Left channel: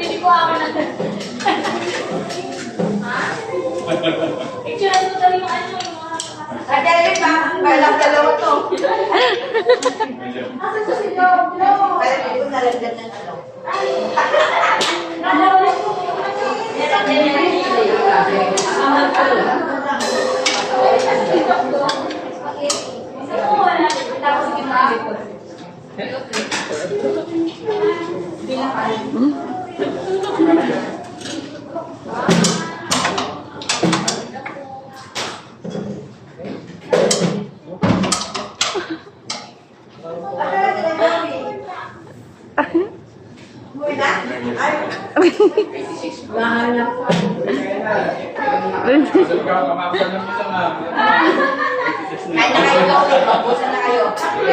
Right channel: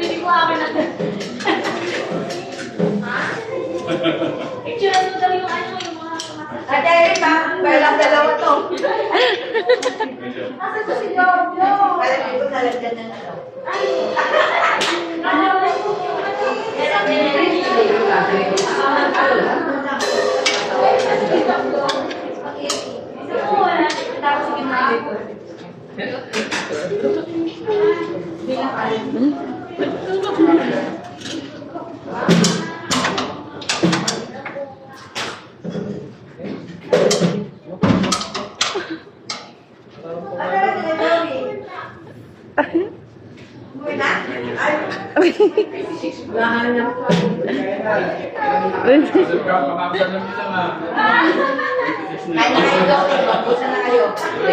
Pili ko akin na. Picture mo dali yung ano yung mga Adele ba? Parang dalawa to. Parang ito nalagdan ng ano.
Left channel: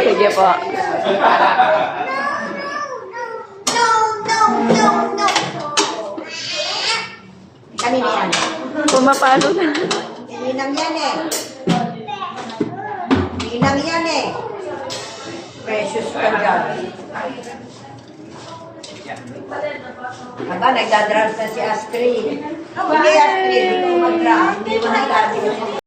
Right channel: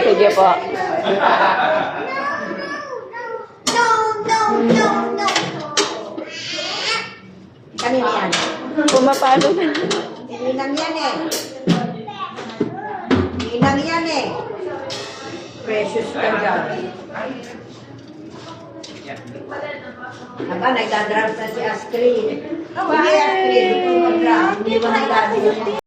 Sige po. Kami na yan. Pumapalo na. Ininang yan eh. Ininang yan eh. Precious ka daw. Aba, nagdadrugs na si Astrid. Sige, Astrid. Hindi mo nagdadrugs.